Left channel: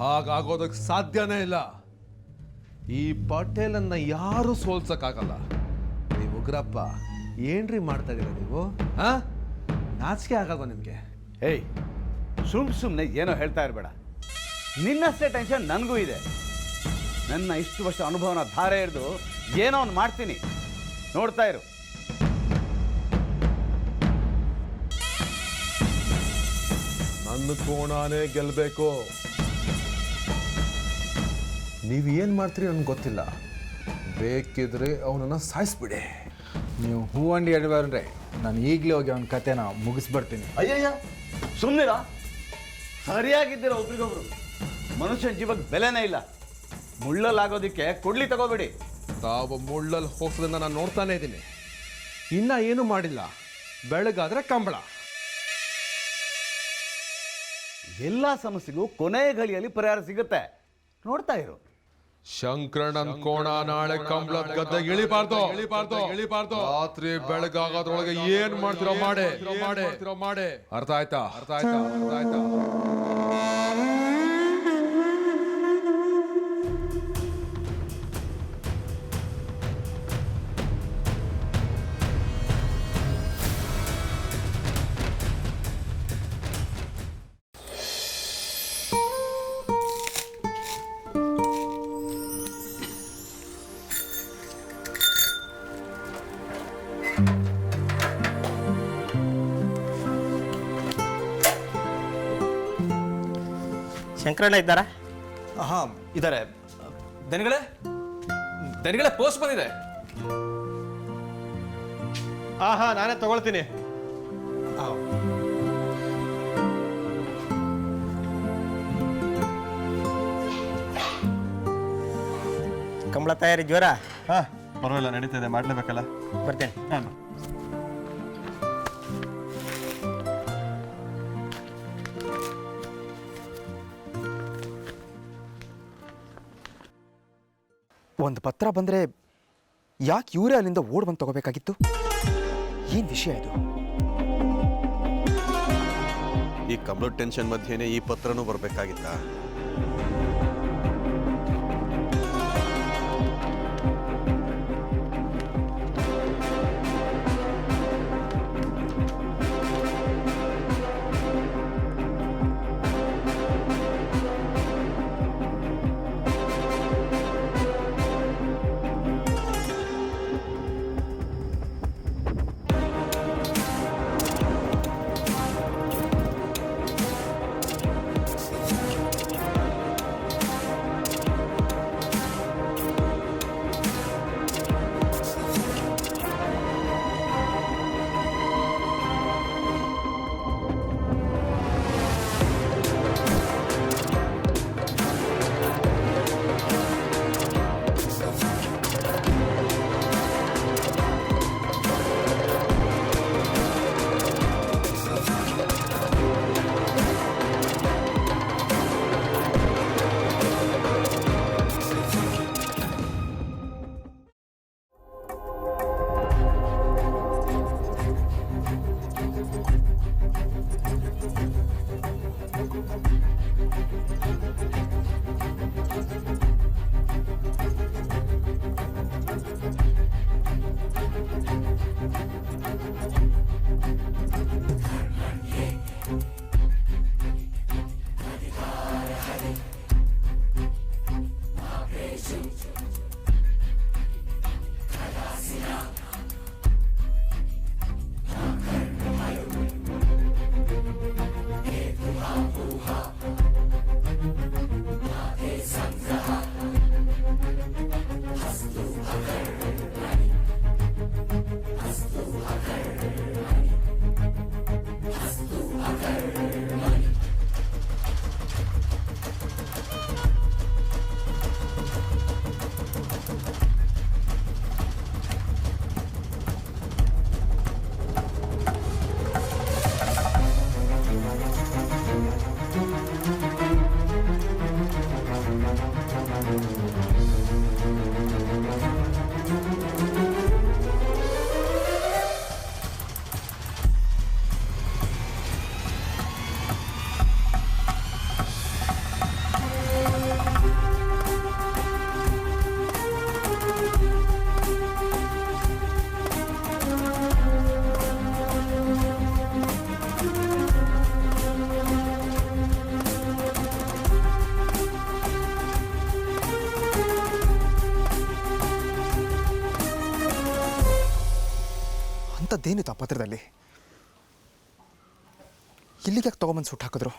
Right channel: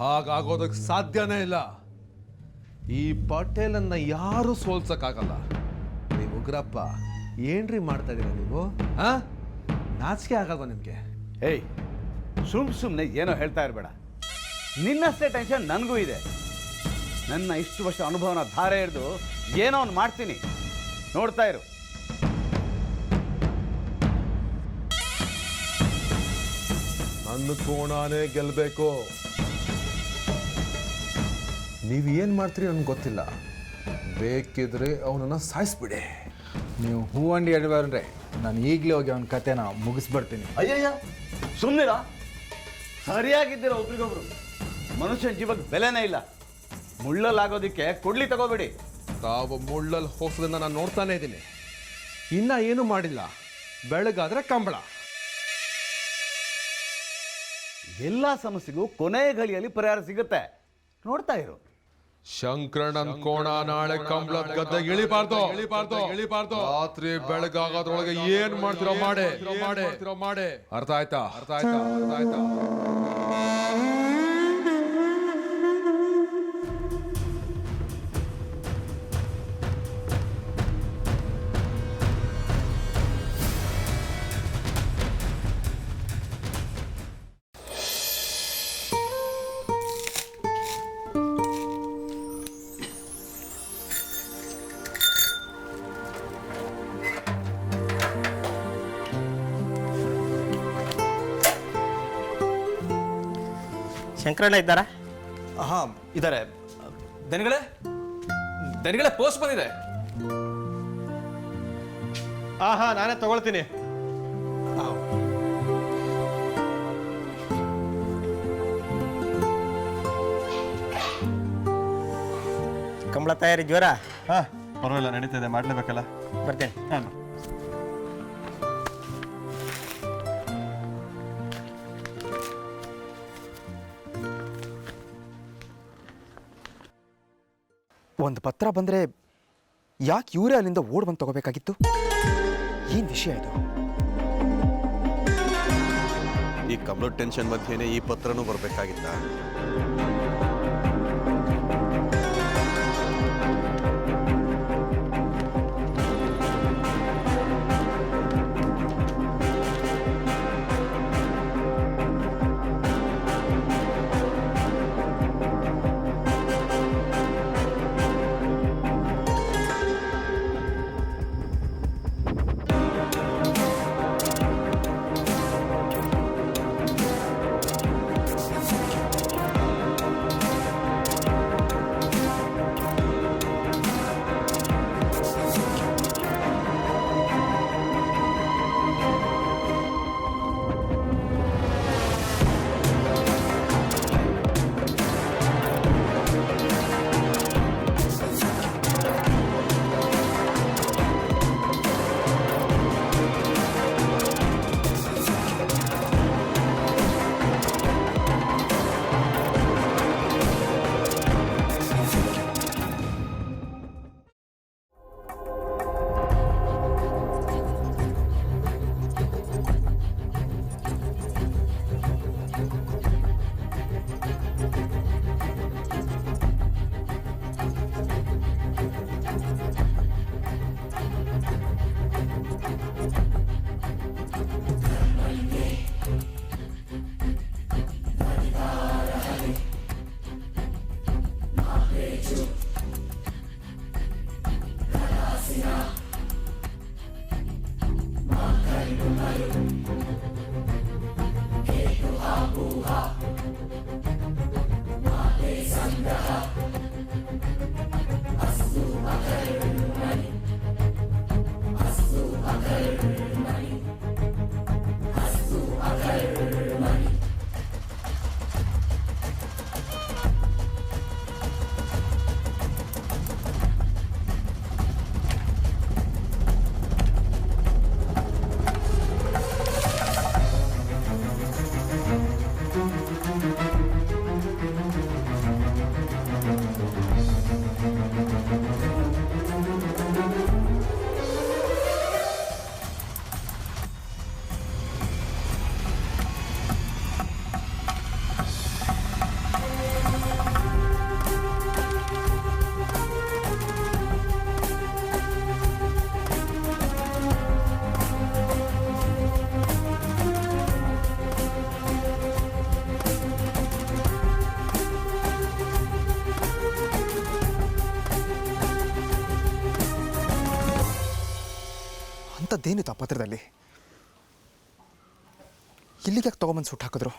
ಹಾಗಾಗೋದಕ್ಕೆ ಸಾಧ್ಯನೇ ಇಲ್ಲ. ಈ ಪಟೇಲನ್ನ ಯಾರು ಸೋಲ್ಸಕ್ಕಾಗಲ್ಲ. ನೀವು ಉಗ್ರಪ್ಪ ಏನ್ರಿ ಮಾಡ್ತಾ ಇದೀರ ನೀವು? ನಾಚಿಕೆ ಆಗಲ್ವಾ ನಿಮ್ಗೆ? ಏಯ್, ಸುಮ್ಮನೆ ಏನೋ ಹೇಳ್ತಾ ಇರಬೇಡ. ನಿನ್ನಷ್ಟೇ ಟೆನ್ಷನ್ ನನಗೂ ಇದೆ. ನನ್ನ ಇಷ್ಟು ವರ್ಷ ಅನುಭವನ ಧಾರೆ ಹಿಡಿದು ಏನೋ ಒಂದು ಮಾಡ್ತೀನಿ, ನೋಡ್ತಾ ಇರು. ನನ್ನ ಕೋಣಾನೇ ಗೆಲ್ಬೇಕು. ನೀವು ಏನು ಮಾಡ್ತೀರಿ ನನ್ಗೆ ಗೊತ್ತಿಲ್ಲ. ಬೇಕಿದ್ರೆ ಅವನನ್ನು ಸಾಯಿಸ್ಬಿಡಿ. ನೀವು ಹೂವಂಡಿ ಎಡಬಾರ್ರೆ, ನಾನು ಈಗಲೇ ಹೋಗಿ ಅವನ ಕತೆನ ಮುಗಿಸ್ಬಿಡ್ತೀನಿ. ಅಯ್ಯಯ್ಯ, ಸುಮ್ಮನಿರ. ಸರಿಯಾಗಿದ್ದೀರ ಒಬ್ರಿಗೊಬ್ರು. ಮನುಷ್ಯನ ಜೀವಕ್ಕೆ ಬೆಲೆನೇ ಇಲ್ಲ. ಮುಳ್ಳಲ್ಲಾಗೋದಕ್ಕೆ ಕೊಡ್ಲಿ ತಗೋಬೇಡಿ. ತಾವು ಮುಳ್ಳಲ್ಲಿ ಹೋಸೋದನ್ನ ನಾನು ನೋಡ್ತಾನೆ ಇದ್ದೀನಿ. ಇನ್ನ ಏನು ಮಾಡಿಲ್ಲ. ಬೆಳಗಾದ್ರೆ ಕಂಬಳ. ಎಲ್ಲ ಸಮಸ್ಯೆಗೂ ಕೊನೆ ಘಳಿಯಲ್ಲಿ ಪರಿಹಾರ ಸಿಗುತ್ತೆ, ನೋಡ್ತಾ ಇರು. ಶಂಕರಣ್ಣನ ಕೋಣ ನಾಳೆ ಕಂಬಳದ ಗದ್ದೆ ಇಳಿಬಾರ್ದು. ರಾತ್ರಿ ಬೆಳಗಾಗೋದ್ರೊಳಗೆ ಏನ್ ಮಾಡ್ತಿರೋ ಮಾಡಿ. ಅರ್ಥ ಆಯ್ತಾ? ಶಂಕರಣ್ಣ ಇದ್ದಾರಾ? ಹಾಂ ಇದ್ದಾರೆ. ದನಿಗಳೇ ಪೋಸ್ಟ್ ಬಂದಿದೆ. ನಾನೇ ತಗೊಳ್ತೀನಿ. ಕಂಬಳ ತಯಾರಿ ಜ್ವರ? ಪರವಾಗಿಲ್ಲ, ನಡೀತಿದೆ, ಮಾಡಲೇಬೇಕಲ್ಲ. ಬರ್ತೇನೆ. ಒಂದು ಪತ್ರ ಬಂದರೆ ಯಾಕೆ ಇವರೇ ಅಲ್ಲಿಂದ ಓಡ್ ಬಂದು ತಗೋಬೇಕಾಗಿತ್ತು? ಏನು ವಿಷಯ ಇದು? ಈ ಕಂಬಳ ಟೆನ್ಷನ್ ಮಧ್ಯೆನೇ ಈ ಪತ್ರನೂ ಬರಬೇಕಾಗಿತ್ತ? ಅಂಥದ್ದೇನಿತ್ತು ಆ ಪತ್ರದಲ್ಲಿ? ಇಲ್ಲಿಗೆ ಯಾಕೆ ತೊಗೊಂಬಂದು ಸುಟ್ಟು ಹಾಕಿದ್ರು?